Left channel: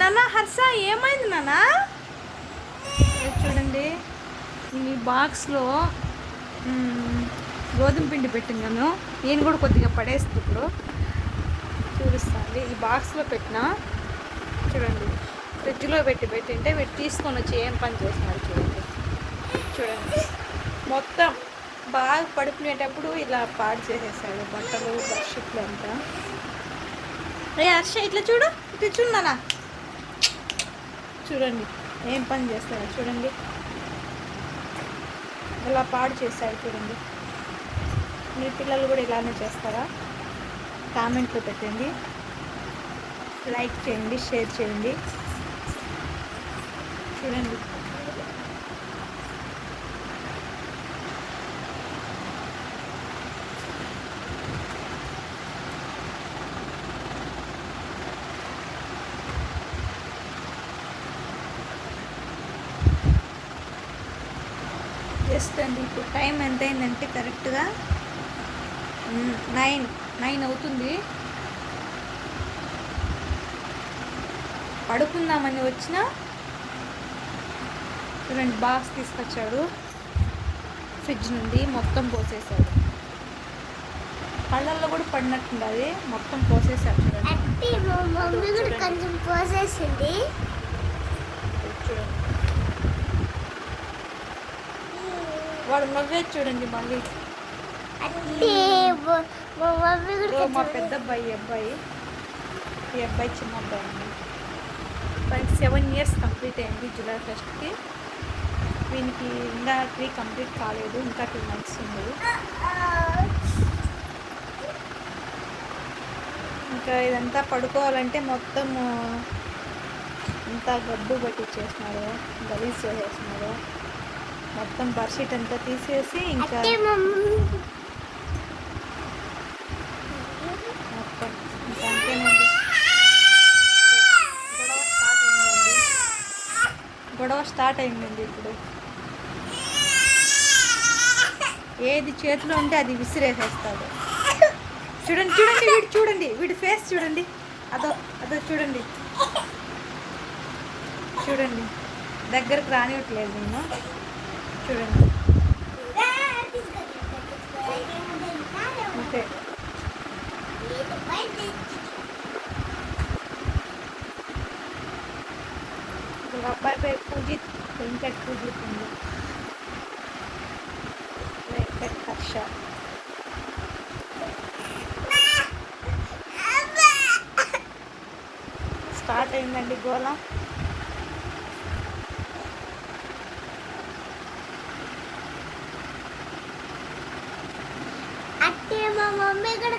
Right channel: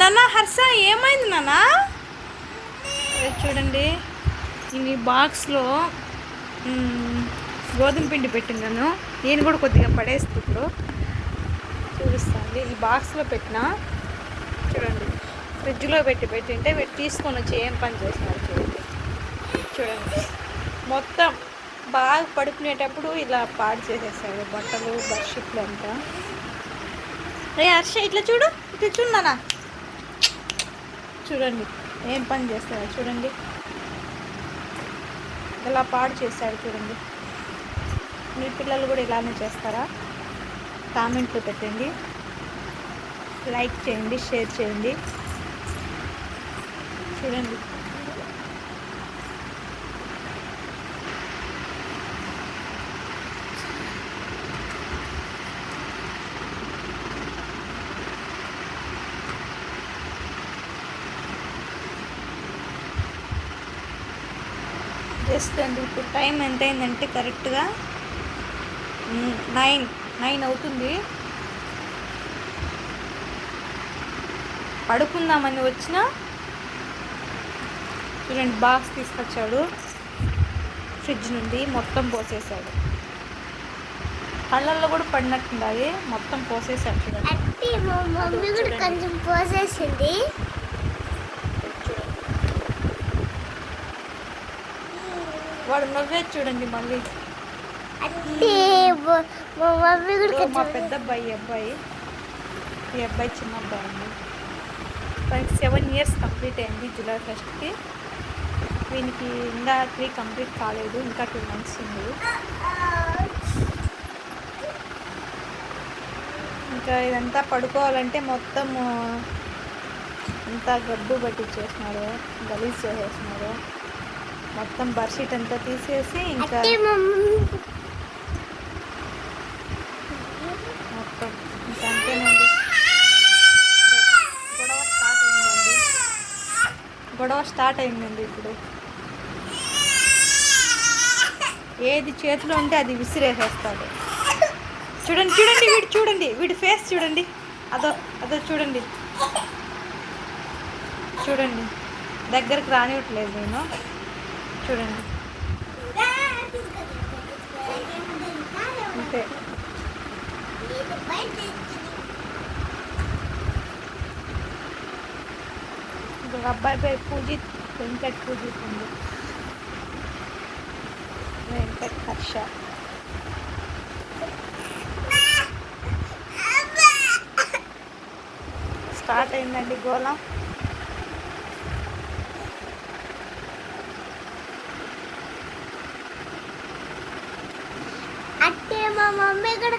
నాన్న హర్ష ఏమైంది నాన్న? చూడండి ఈ బాక్స్లో గోధుమ పిండి పెట్టినాను. నేను కూడా కొద్దిగా పడేస్తుంది ఇప్పుడు చూపిస్తాను. ఈ బాక్స్లో పెట్టిన చూడండి, ఫ్రిడ్జ్లో పెట్టింటే తీసుకొని వచ్చి ఏం పని చేస్తున్నారు చూడండి. చూడండి మొత్తం బాగా పడుకునేటప్పుడు ఇలా పాడు చేసేసాడు బట్టలు బెడ్షీట్లు అంతా. రే హర్ష ఇట్లా చూడు, ఇట్లా చూడనా, చూడండి ఏం పని చేస్తాడు చూడండి, ఇలా పాడు చేశాడు చూడండి. మీ పిల్లలు కూడా ఇలానే చేస్తారా? కామెంట్లో పెట్టండి, లైక్ చేయండి, షేర్ చేయండి. చూడండి జస్ట్ అండి ఇప్పుడు టైం ఎంత అయిందంటే కరెక్ట్గా 9 అవుతుంది. పడుకుందామని వచ్చిన చూడండి బాక్స్ తీసుకొచ్చాడు ఫ్రిడ్జ్ నుండి, మొత్తం పోసేసాడు. కళ్ళల్లో కూడా పడినట్టుండది, మొత్తం పోసేసాడు చూడండి. వాడు నవ్వేది చూడండి మళ్ళీ. మా పెద్ద అబ్బాయి ఈ అబ్బాయి చిన్న అబ్బాయి అండి. 7 years కంప్లీట్ అయింది జూలై 1st. వీనికి ఇంకా 3 కంప్లీట్ కాలేదు, ఇంకా 2 months ఉంది. ఇంకా ఇదంతా పడుకోవాలంటే మొత్తం ఇంత గబ్బు పట్టించేసినారు, గలీజ్ చేసేసినారు. మొత్తం బెడ్షీట్ అంతా తీసేసి ఇంకా మొత్తం ఇంకా అంతేనండి. గొడవ స్టార్ట్ అయిందండి ఇప్పుడు. ఏది చేతిలో ఉంటే అది విసిరేసేస్తాడు. చూడండి చూడండి వీడి ఫేస్ చూడండి, అదో చూడండి దగ్గరికి రానివ్వట్లేదు నేను. చూడండి అంతే. ఇప్పుడు అబ్బాయి పేరు పూజిత్, వెంకట్ పూజిత్ ఉంది, వెంకట్ హర్ష. స్టార్ట్ అయిందండి గోళం. మా మమ్మీ కూడా